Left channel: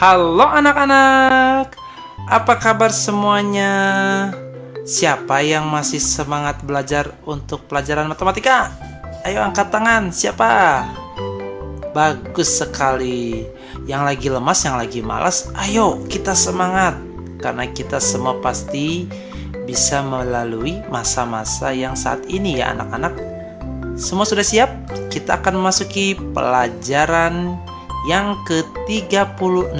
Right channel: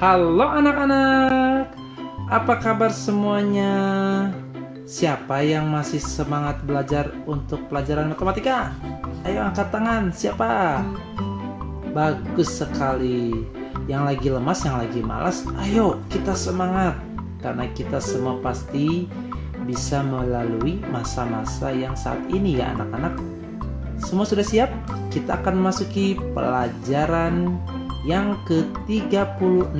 Halo anak-anak, apa kabar semuanya? Siapa yang masih semangat belajar untuk pelajaran matematika? Ayo angkat tangan, siapa? Bagus sekali. Yang lagi lemas, yang lagi malas, ayo kita semangat. Karena kita semua pasti bisa melalui masa-masa yang saat ini ya anak-anak. Semua sudah siap? Kita akan memasuki pelajaran yang ke-36,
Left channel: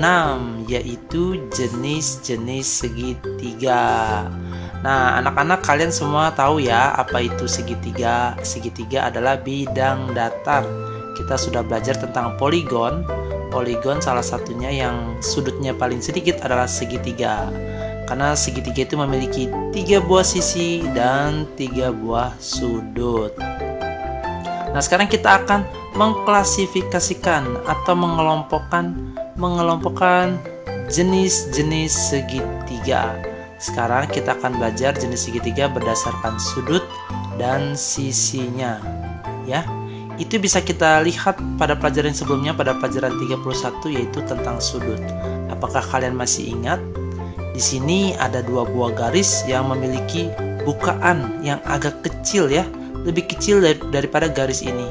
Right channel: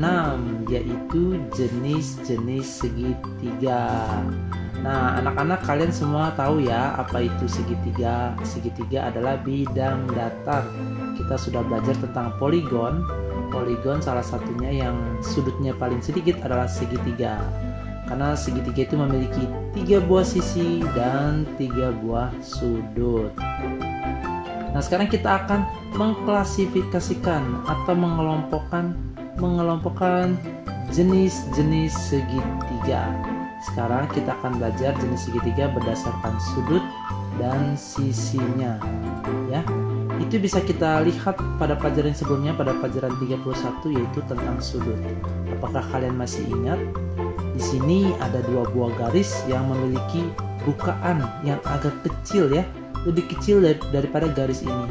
yaitu jenis-jenis segitiga. Nah, anak-anak kalian semua tahu ya apa itu segitiga. Segitiga adalah bidang datar. Kita sudah belajar tentang poligon. Poligon salah satunya yang sudutnya paling sedikit adalah segitiga. Karena segitiga itu memiliki 3 buah sisi dan 3 buah sudut. Nah, sekarang kita akan mengklasifikasikan atau mengelompokkan jenis-jenis segitiga. Sekarang kita akan belajar jenis segitiga berdasarkan sudut dan sisinya. Ya, itu bisa kita lihat pada pelajaran sebelumnya, pada pelajaran 31, yaitu tentang sudut. Apakah kalian masih ingat? Di sini ada 2 buah garis yang memiliki bukaan yang agak kecil ya. Lebih kecil daripada garis ini.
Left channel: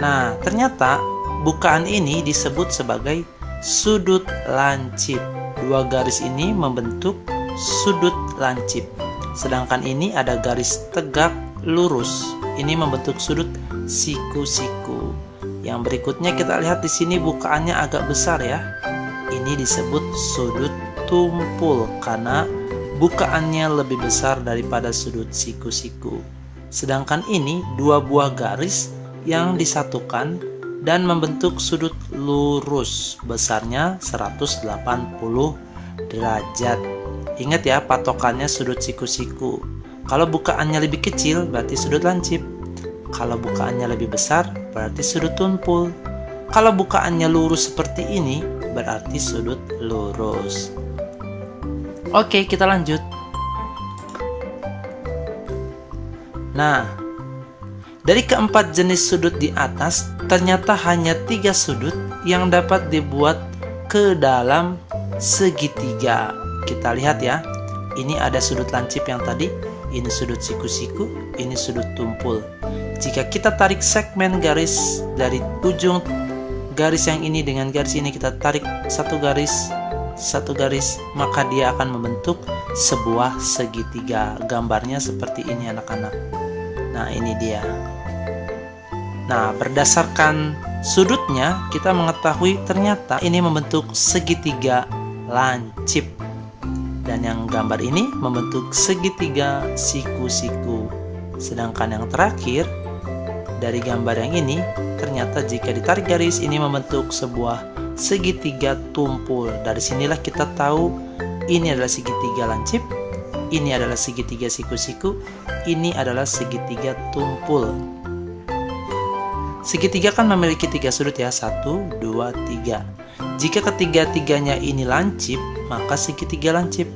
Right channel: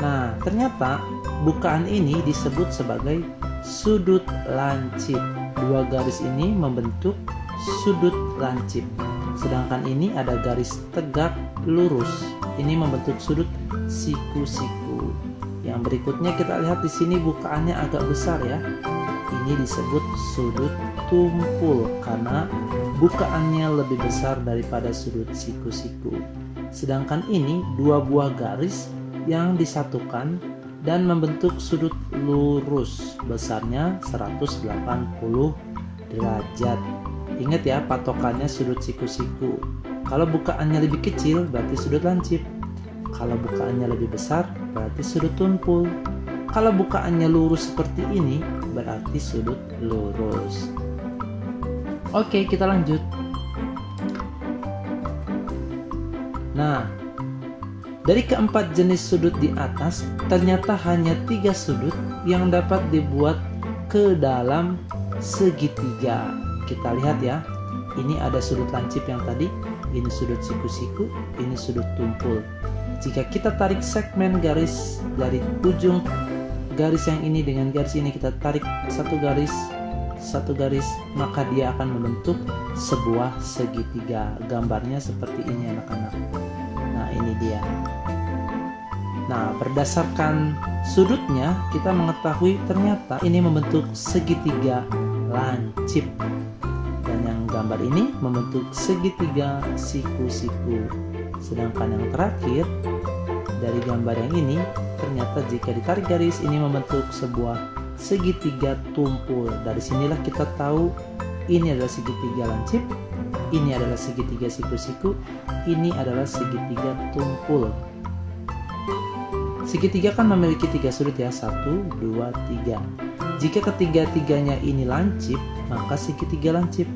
Nah, ternyata bukaan ini disebut sebagai sudut lancip. 2 garis ini membentuk sudut lancip. Sedangkan ini ada garis tegak lurus. Ini membentuk sudut siku-siku. Yang berikutnya kita lihat di sini bukaannya agak besar ya. Ini disebut sudut tumpul karena bukaannya lebih besar daripada sudut siku-siku. Sedangkan ini 2 buah garis yang disatukan dan membentuk sudut lurus besarnya 180 derajat. Ingat ya, patokannya sudut siku-siku. Kalau bukaannya lebih kecil berarti sudut lancip. Kalau bukaannya lebih besar berarti sudut tumpul. Kalau bukaannya lurus seperti ini berarti sudut lurus. Oke, kita lanjut. Nah, dari keempat jenis sudut di atas, ternyata hanya 3 sudut yang dapat dibuat ke dalam segitiga. Kita lihat ya, ini ada sudut lancip yang tadi, ini sudut siku-siku, ini sudut tumpul. Jika kita tarik segmen garis dari ujung garis yang ini dengan garis ini, kita tarik satu garis, maka dia akan membentuk sebuah segitiga. Gambarnya seperti ini anak-anak. Nah, ini dia. Nah, berdasarkan sudutnya kita mengetahui ternyata ini membentuk segitiga lancip. Dan yang gambar ini membentuk segitiga siku-siku. Sedangkan yang terakhir dari gambar yang ini, ternyata jika ditarik garis ini membentuk sebuah segitiga tumpul. Dari sinilah kita tahu ini adalah segitiga lancip, ini adalah segitiga siku-siku, ini adalah segitiga tumpul. Segitiga kan memiliki 3 sudut ya, 1, 2, 3. Jika ketiga-tiganya ini lancip, maka segitiga lancip.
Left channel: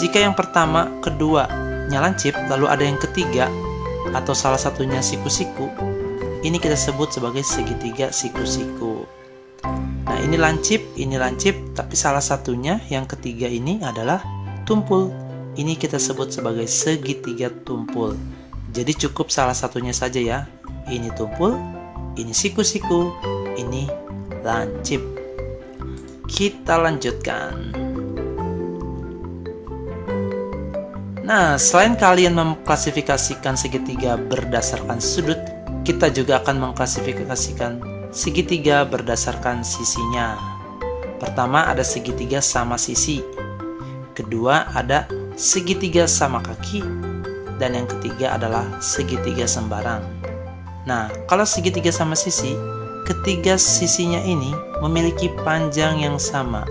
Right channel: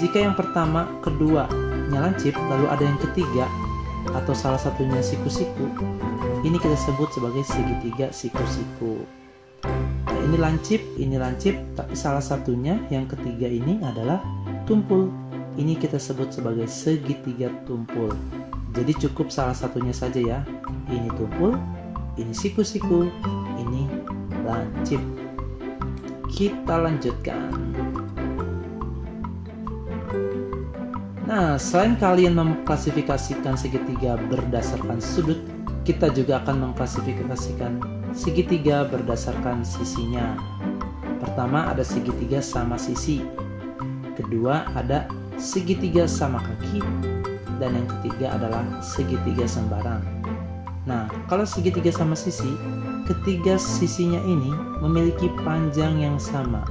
Jika yang pertama, keduanya lancip, lalu ada yang ketiga atau salah satunya siku-siku, ini kita sebut sebagai segitiga siku-siku. Nah, ini lancip, tapi salah satunya yang ketiga ini adalah tumpul. Ini kita sebut sebagai segitiga tumpul. Jadi cukup salah satunya saja ya. Ini tumpul, ini siku-siku, ini lancip. Kita lanjutkan. Nah, selain kalian mengklasifikasikan segitiga berdasarkan sudut, kita juga akan mengklasifikasikan segitiga berdasarkan sisinya. Pertama ada segitiga sama sisi. Kedua ada segitiga sama kaki. Dan yang ketiga adalah segitiga sembarang. Nah, kalau segitiga sama sisi, ketiga sisinya ini memiliki panjang yang sama.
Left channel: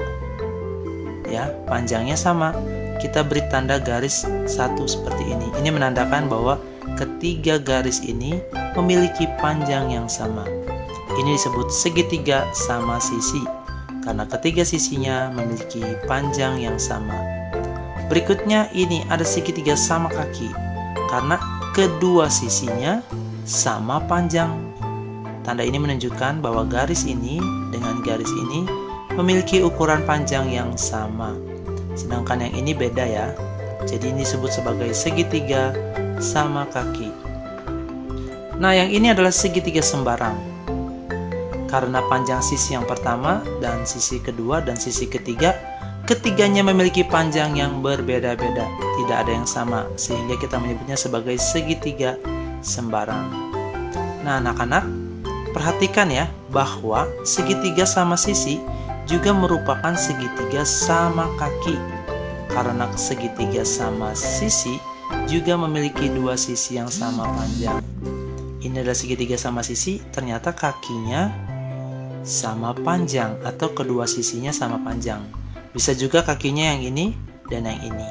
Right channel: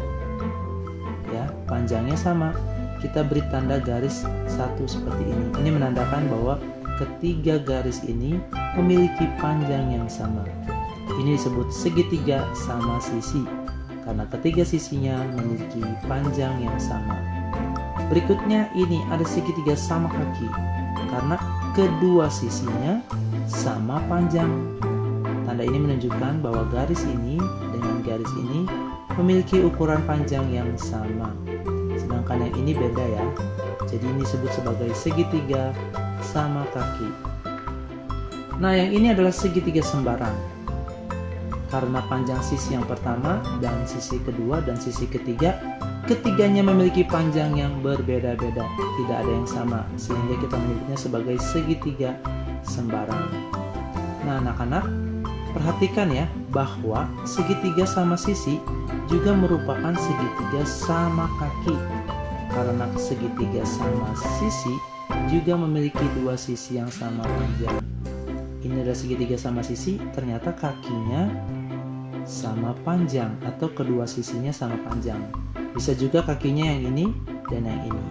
Ya, panjangnya sama. Kita beri tanda garis 1 seperti ini. Ini menandakan bahwa ketiga garis ini memiliki panjang yang sama. Ini disebut segitiga sama sisi karena ketiga sisinya memiliki panjang yang sama. Berikutnya ini ada segitiga sama kaki karena kedua sisinya sama panjang. Tanda ini menunjukkan bahwa garis ini dengan garis ini memiliki ukuran panjang yang sama. Sedangkan yang ini beda ya. Jadi ini disebut sebagai segitiga sama kaki. Nah, yang ini adalah segitiga sembarang. Karena panjang sisi yang pertama dan sisi kedua dan sisi ketiga, ketiganya memiliki panjang yang berbeda-beda, tidak ada yang sama, sehingga kita menyebutnya sebagai segitiga sembarang. Nah, anak-anak, perhatikan ya bahwa segitiga sama sisi juga merupakan segitiga sama kaki. Karena segitiga sama sisi juga memiliki dua sisi yang sama panjang. Ini adalah segitiga sama sisi, ternyata kakinya sama panjang atau kedua sisinya sama panjang. Bisa juga kakinya yang ini dan yang ini.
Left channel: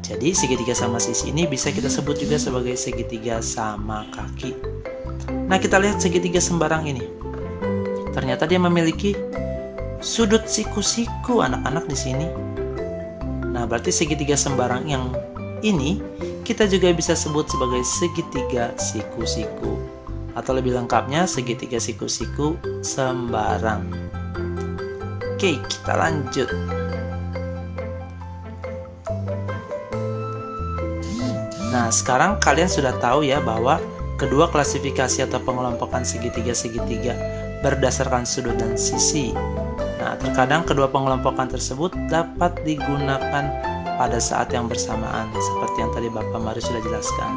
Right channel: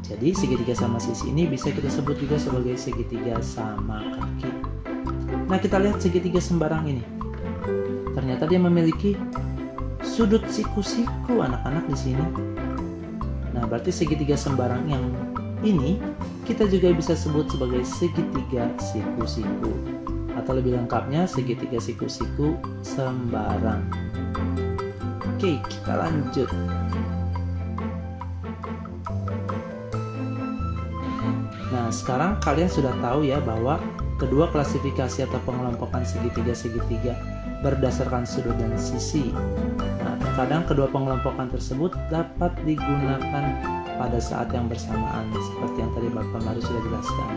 Jadi segitiga sama sisi ini bisa kita sebut juga sebagai segitiga sama kaki. Nah, kita lihat segitiga sembarang ini. Ternyata dia memiliki sudut siku-siku anak-anak di sini. Nah, berarti segitiga sembarang yang ini kita juga bisa sebut sebagai segitiga siku-siku. Atau lebih lengkapnya segitiga siku-siku sembarang. Oke, kita lanjut. Nah, sekarang kalian sudah tahu ya bahwa kedua klasifikasi atau pengelompokan segitiga-segitiga berdasarkan sudut dan sisi. Nah, terkadang kedua pengelompokan tersebut dapat digunakan pada saat yang bersamaan, seperti yang tadi Bapak Mari sudah jelaskan.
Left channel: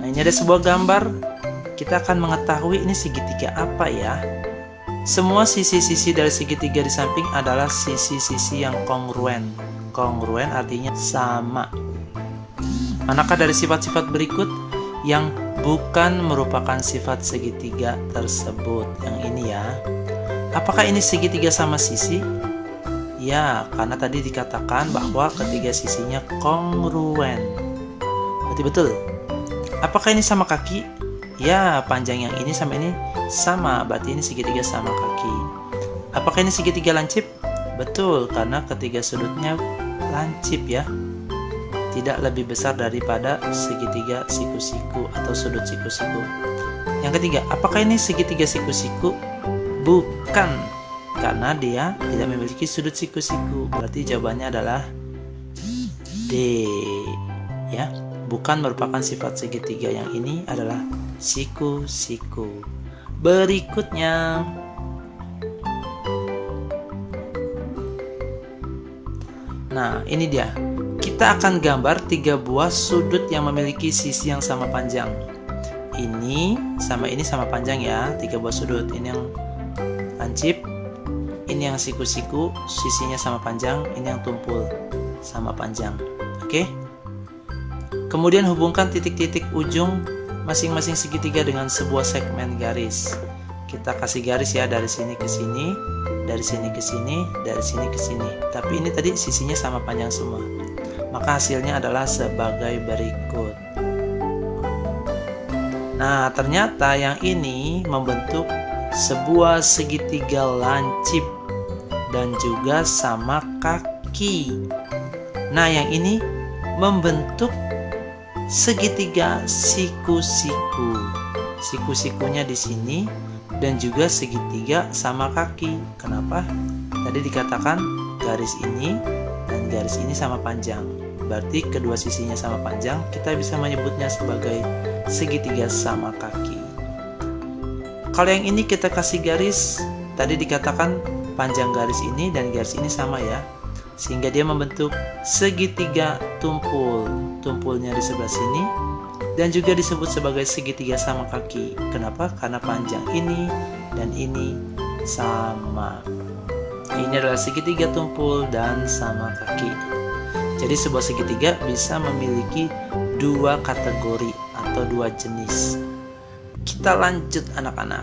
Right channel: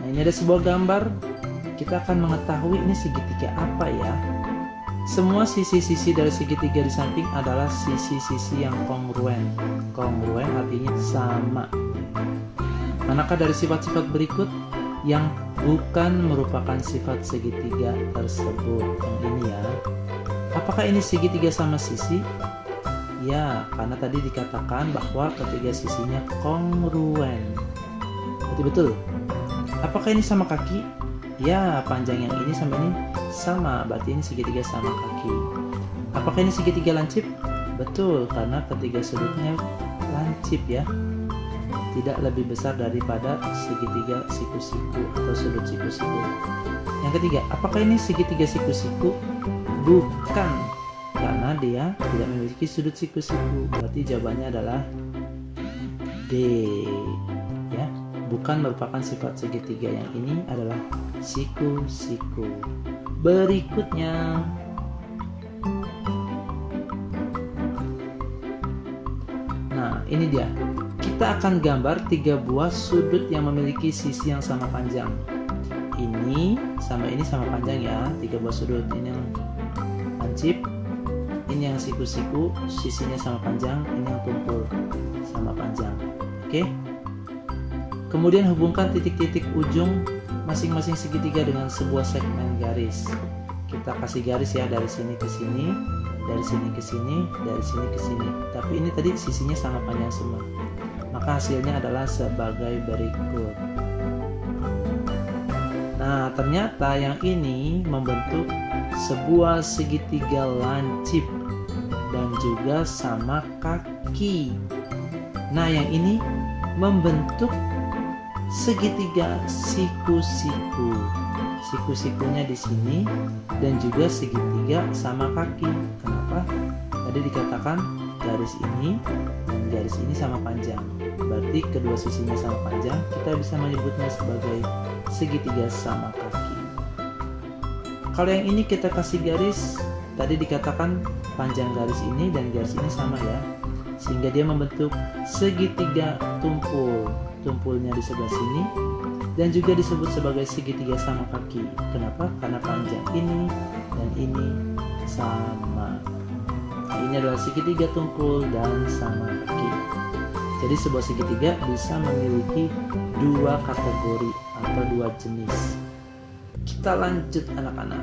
Nah, ini ada sebuah gambar. Kita akan mengetahui ini segitiga apa ya. Semua sisi-sisi dari segitiga di samping adalah sisi-sisi yang kongruen. Kongruen artinya sama. Manakah dari sifat-sifat berikut yang bukan merupakan sifat segitiga tersebut? Yang ini ya. Apakah ini segitiga sama sisi? Ya, karena tadi dikatakan bahwa ketiga sisinya kongruen. Berarti betul. Apakah ini sama kaki? Ya, panjang yang ini sama ini sama, berarti ini segitiga sama kaki. Apakah ini segitiga lancip? Betul, karena ketiga sudutnya lancip ya. Tidak lebih besar daripada segitiga siku-siku atau sudut siku-siku. Yang ketiga, apakah ini segitiga siku-siku? Bukan, karena dia tidak memiliki sudut siku-siku. Berarti jawabannya adalah D. Ya, bukan merupakan sifat segitiga. Yang ini adalah siku-siku. Berikutnya, nah ini dia. Kita akan gambar 3 buah sudut yang memiliki sisi yang sama panjang. Ini sama panjang ya, 3 buah sudut. Ini yang lancip, ini yang siku-siku, sisinya sama panjang, ini yang tumpul sama panjang. Oke. Kemudian hubungkan titik-titik ujung masing-masing segitiga dengan sebuah segmen garis. Kita kasih garis ya, dari sini ke sini, dari sini ke sini, dari sini ke sini. Tapi ini tadi sisinya sama panjang semua. Maka hasilnya adalah sebagai berikut. Nah, ternyata yang ini membentuk sebuah segitiga lancip dan juga sama kaki. Nah, yang ini membentuk segitiga siku-siku. Siku-sikunya di sini dan juga segitiga sama kaki. Kenapa? Tadi dikatakan garis ini dan garis ini sama panjang. Berarti kedua sisinya sama panjang, kita bisa menyebutnya sebagai segitiga sama kaki. Kalau yang ini kita kasih garis, tadi dikatakan panjang garis ini dan garis ini sama ya. Sehingga dia membentuk segitiga tumpul. Tumpulnya di sebelah sini dan juga disebut sebagai segitiga sama kaki. Kenapa? Karena panjang ini dan ini sama. Ini adalah segitiga tumpul dan sama kaki. Jadi sebuah segitiga bisa memiliki 2 kategori atau 2 jenis. Kita lanjut anak-anak.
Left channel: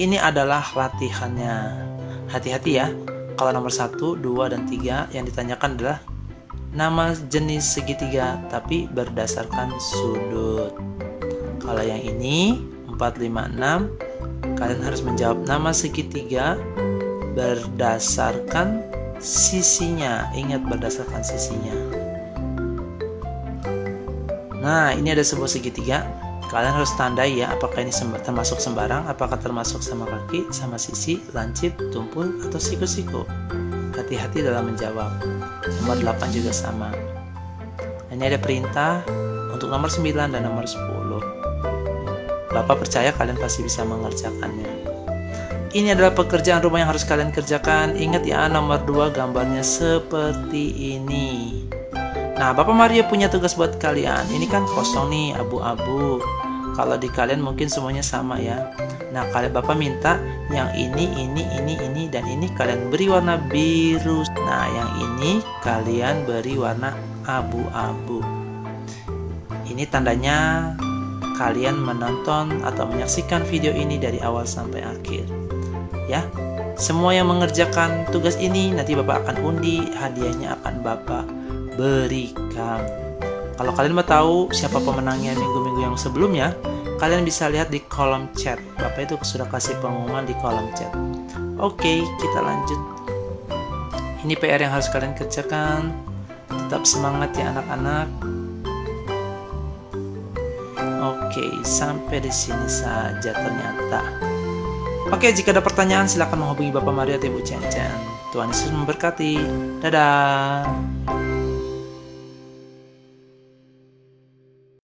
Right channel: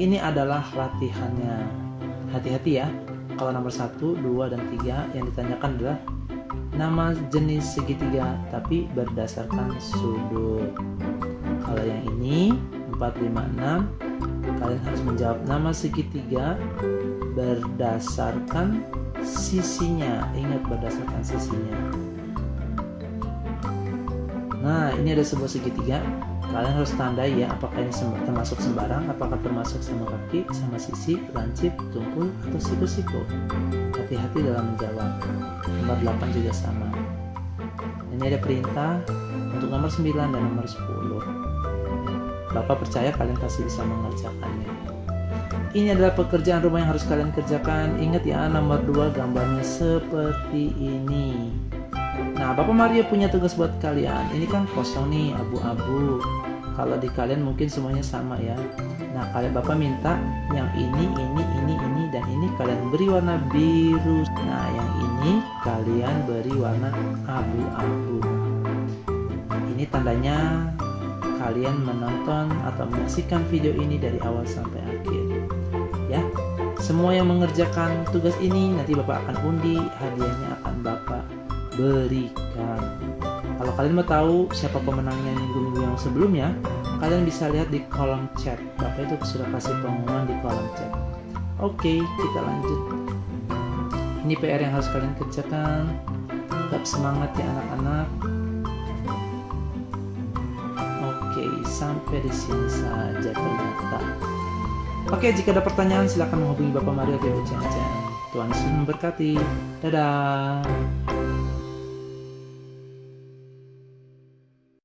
Ini adalah latihannya. Hati-hati ya. Kalau nomor 1, 2, dan 3 yang ditanyakan adalah nama jenis segitiga tapi berdasarkan sudut. Kalau yang ini 4, 5, 6, kalian harus menjawab nama segitiga berdasarkan sisinya. Ingat, berdasarkan sisinya. Nah, ini ada sebuah segitiga. Kalian harus tandai ya, apakah ini termasuk sembarang, apakah termasuk sama kaki, sama sisi, lancip, tumpul, atau siku-siku. Hati-hati dalam menjawab. Nomor 8 juga sama. Ini ada perintah untuk nomor 9 dan nomor 10. Bapak percaya kalian pasti bisa mengerjakannya. Ini adalah pekerjaan rumah yang harus kalian kerjakan. Ingat ya, nomor 2 gambarnya seperti ini. Nah, Bapak Mario punya tugas buat kalian. Ini kan kosong nih, abu-abu. Kalau di kalian mungkin semuanya sama ya. Nah, kalian Bapak minta yang ini, dan ini kalian beri warna biru. Nah, yang ini kalian beri warna abu-abu. Ini tandanya kalian menonton atau menyaksikan video ini dari awal sampai akhir. Ya, semua yang mengerjakan tugas ini nanti Bapak akan undi, hadiahnya akan Bapak berikan. Kalau kalian mau tahu siapa pemenangnya minggu-minggu yang sebelumnya, kalian bisa lihat di kolom chat. Bapak itu sudah kasih pengumuman di kolom chat. Oke, kita lanjut. Ini PR yang harus kalian kerjakan. Tetap semangat ya anak-anak. Oke, sampai di sini saja ternyata. Oke, jika ada pertanyaan silakan menghubungi Bapak Mario atau Ibu Cen-Cen. Tuhan Yesus memberkati. Dadah.